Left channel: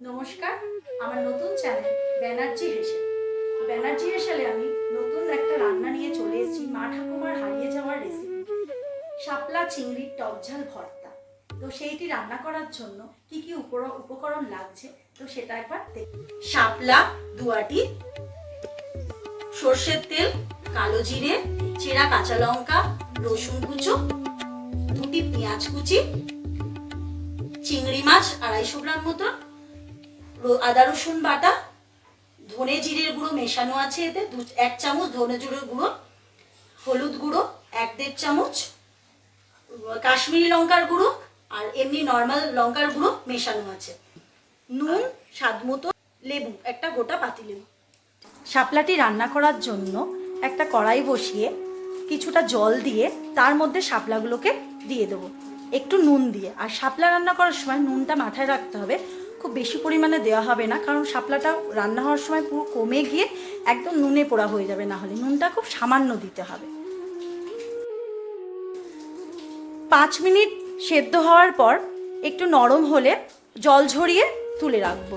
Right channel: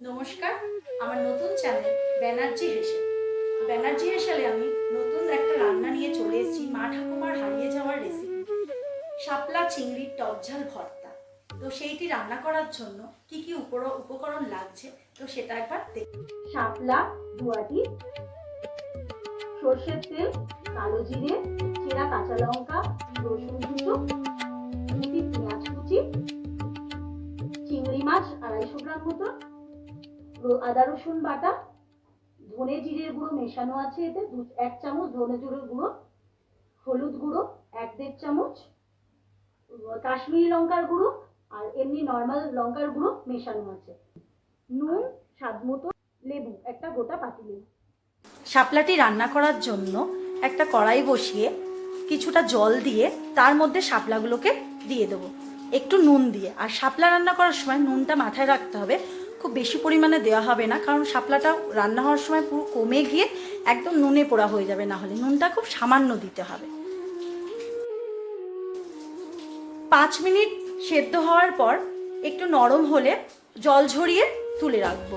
নমস্কার, আমার নতুন চ্যানেল ব্যানার্জি হেসেলে আমি নতুন একটা রান্না নিয়ে চলে এসেছি। মা ঠাকুমার হারিয়ে যাওয়ার রেসিপি, শাপলা চিংড়ির টকঝাল ভর্তা। তো সেইটি রান্না করার জন্য কি কি উপকরণ লাগছে তো সেটা একবার দেখি। শাপলা 2 আটি, সর্ষের তেল, কালো জিরে, চেরা কাঁচা লঙ্কা, রসুন কুচো, 2টি পেঁয়াজ কুচি, চিংড়ি মাছ 250 গ্রাম মতো, আদা রসুন বাটা, ধনে জিরের গুঁড়ো মেশানো আছে এতে 1 চামচ ধনে জিরের গুঁড়ো, হলুদ গুঁড়ো 1-1.5 চামচ, কাশ্মীরি লঙ্কার গুঁড়ো আর এমনি নর্মাল লঙ্কার গুঁড়ো মেশানো আছে, নুন স্বাদ মতো, লেবু একটা গোটা পাতিলেবু। শাপলাটি রান্না করার জন্য একটা কড়াই বসিয়ে কিছুটা জল দিয়ে তার মধ্যে শাপলাগুলোকে দিয়ে দেবো একটু নুন দিয়ে। আর শাপলা রান্না করার সময় নুনটা মাথায় রাখতে হবে, খুব বেশি পরিমাণে দেওয়া হবে না, কারণ শাপলাটা রান্না হওয়ার সময় পুরো কমে গিয়ে একদম নুনে পোড়া হয়ে যাবে, না হলে নুনটা খুব সামান্য দিতে হবে। 5 মিনিট সেদ্ধ হওয়ার পর একটু নরম হলে জল ঝরিয়ে তুলে রাখবো।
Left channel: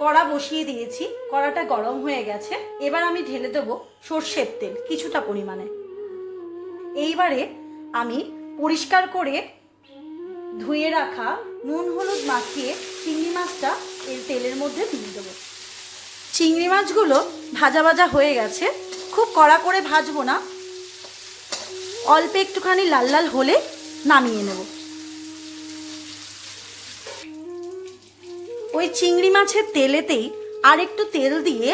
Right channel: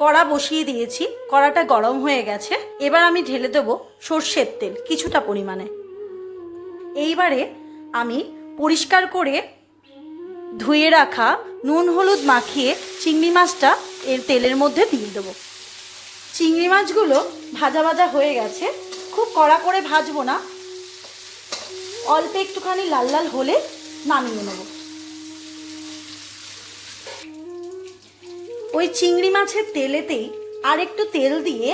কড়া বসিয়ে দিয়েছি, কড়াটা গরম হয়ে গেছে। এবার আমি ঢেলে দেব সর্ষের তেল কিছুটা পরিমাণে। এইবারে আমি পরিষ্কার করে ধুয়ে রাখা নুন হলুদ মাখিয়ে চিংড়ি মাছটা এর তেলের মধ্যে দিয়ে দেবো। চিংড়ি মাছগুলো ভাজা ভাজা হয়ে গেছে, খুব কড়া করে ভাজবো না, অল্প একটুখানি লাল লাল হলে নামিয়ে নেব। ওই চিংড়ি মাছের তেলেতেই আর একটু তেল দিয়ে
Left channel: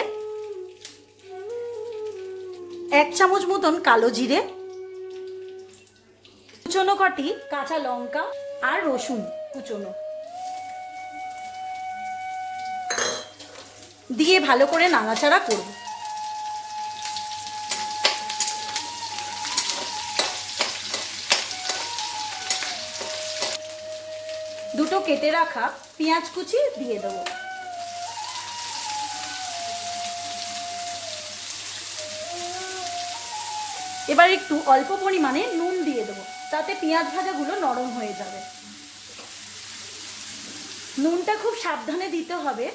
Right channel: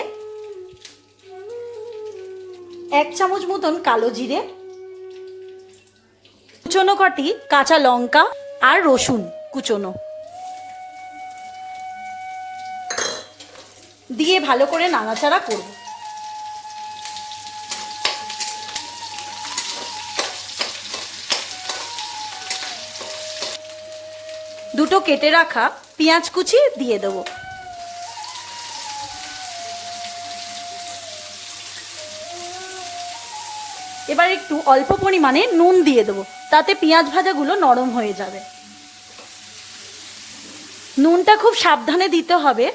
1 চামচ মতন কালো জিরে, কুচনো কটি কাঁচা লঙ্কা আর রসুন কুচনো দিয়ে ভালো করে নাড়াচাড়া করব। দুটো কেটে রাখা পেঁয়াজ কুচি দিয়ে দেবো। এবার একটু অল্প পরিমাণে নুন দিয়ে দেবো, তাতে পেঁয়াজ ভাজাগুলো নরম হয়ে যাবে। নুনটা খুব সাবধানে দিতে হবে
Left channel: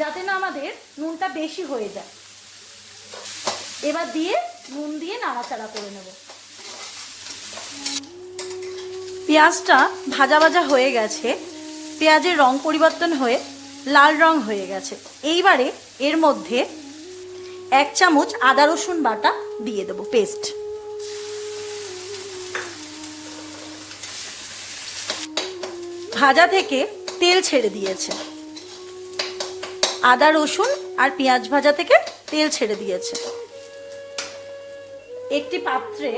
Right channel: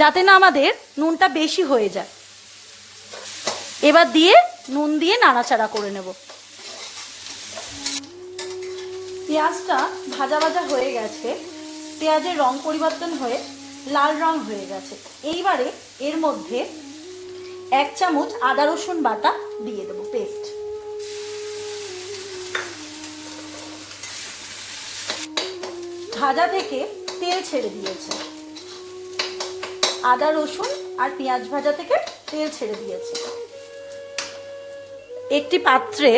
যাতে না আমাদের নুনটা বেশি হয়ে যায়। এবার দিয়ে নুন দিয়ে নাড়াচাড়া করে নেব। পেঁয়াজটা ভাজা ভাজা হয়ে গেছে, পেঁয়াজের রং পরিবর্তন হয়ে লাল রং হয়ে গেছে। এইবারে এর মধ্যে 1 চামচ আদা রসুন বাটা দিয়ে দেবো, পেস্ট। ভাজা থেকে তেল ছেড়ে দিয়েছে, আদা রসুন আর পেঁয়াজ ভাজা থেকে তেল ছেড়ে দিয়েছে। একটি পাত্রে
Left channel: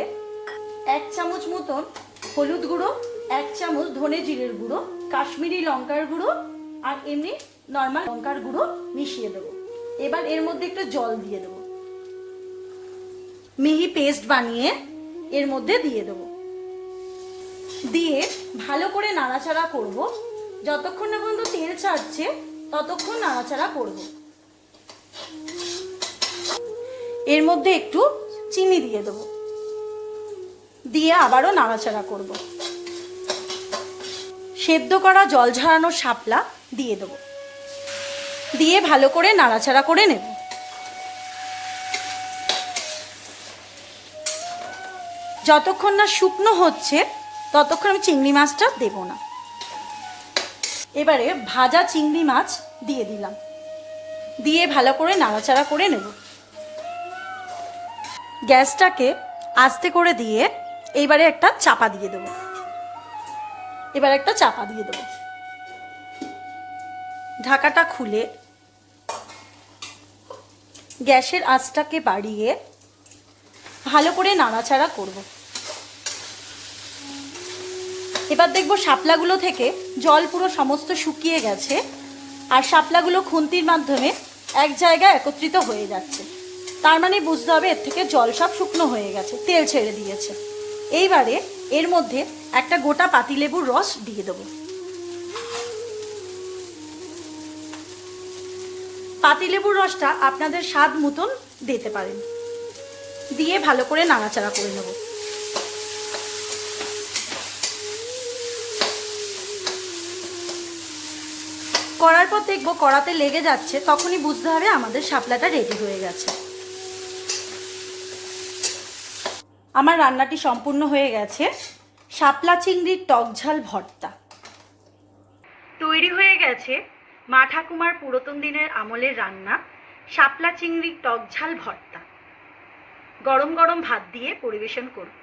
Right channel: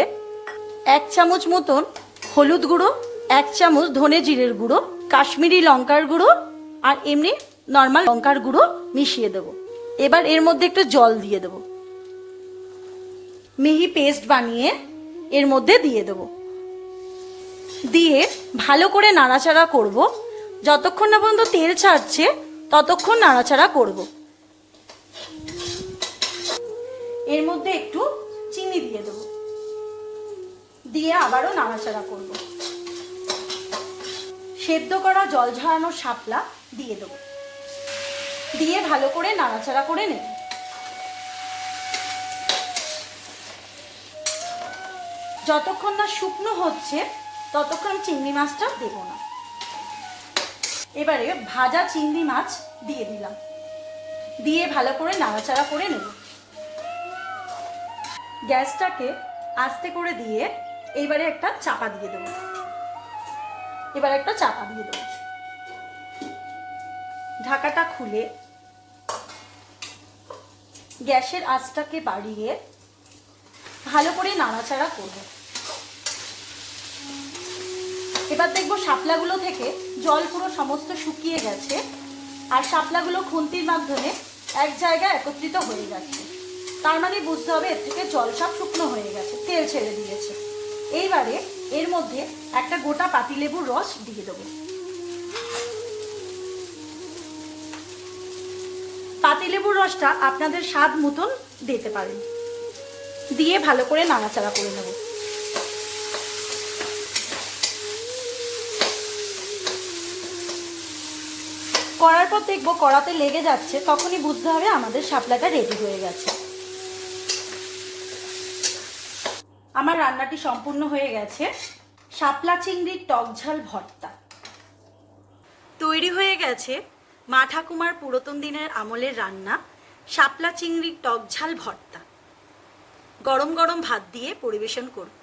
1 চামচ মতন হলুদ গুঁড়ো, 1 চামচ ধনে জিরের গুঁড়ো, কাশ্মীরি লঙ্কার গুঁড়ো আর এমনি নর্মাল লঙ্কার গুঁড়ো মিশিয়ে দেবো। এবার এর মধ্যে একটু জল দিয়ে দেবো, মিহি পেস্ট বানিয়ে এর মধ্যে দিয়ে দেবো। দিয়ে ভালো করে নাড়াচাড়া করব, যতক্ষণ না পর্যন্ত তেল ছাড়ছে ততক্ষণ নাড়াচাড়া করব। এর মধ্যে একটু চিনি দিয়ে দেবো, দিয়ে আবারও নাড়াচাড়া করব। সেদ্ধ করা জল ঝরানো শাপলা দিয়ে দেবো, দিয়ে ভালো করে নাড়াচাড়া করে নেব। যতক্ষণ না শুকনো হচ্ছে ততক্ষণ আমি চিংড়ি মাছটা দেব না। এবারে ভাজা চিংড়ি মাছ দিয়ে দিলাম, দিয়ে ভালো করে নাড়াচাড়া করে নেব। গ্যাসটাকে আস্তে করে দিয়ে এইবারে একটা চাপা দিয়ে দেবো। এবার একটা চাপা দিয়ে দেবো, ঢাকাটা খুলে গ্যাসের আঁচটাকে বাড়িয়ে ভালো করে নাড়াচাড়া করব। এবার দেখবো শাপলাগুলো থেকে জল পুরো সমস্ত শুকিয়ে গেছে আর শাপলাগুলো খুন্তির মাধ্যমে এক জায়গায় একত্রিত হয়ে যাচ্ছে। তার মানে বুঝতে হবে এর থেকে জল সব শুকনো হয়ে গেছে, তেল ছেড়ে দিয়েছে। এইবারে এর মধ্যে একটা গোটা পাতিলেবুর রস দিয়ে দেবো। পাতিলেবুর রসটা আপনাদের স্বাদ মতন দিতে পারেন, দিয়ে ভালো করে নাড়াচাড়া করে নেব। কড়ার নাড়ার পর দেখবো কড়াতে লেগে যাচ্ছে, তখনই বুঝতে হবে আমাদের শাপলাটা রেডি হয়ে গেছে। আমার রান্নাটি সম্পূর্ণ হয়ে গেছে। শাপলা চিংড়ির টক ঝাল ভর্তা তৈরি হয়ে গেছে। মা ঠাকুমার পুরাতন দিনের আমলের রান্না শাপলা চিংড়ির টক ঝাল ভর্তা। গরম গরম ভাত দিয়ে পরিবেশন করুন।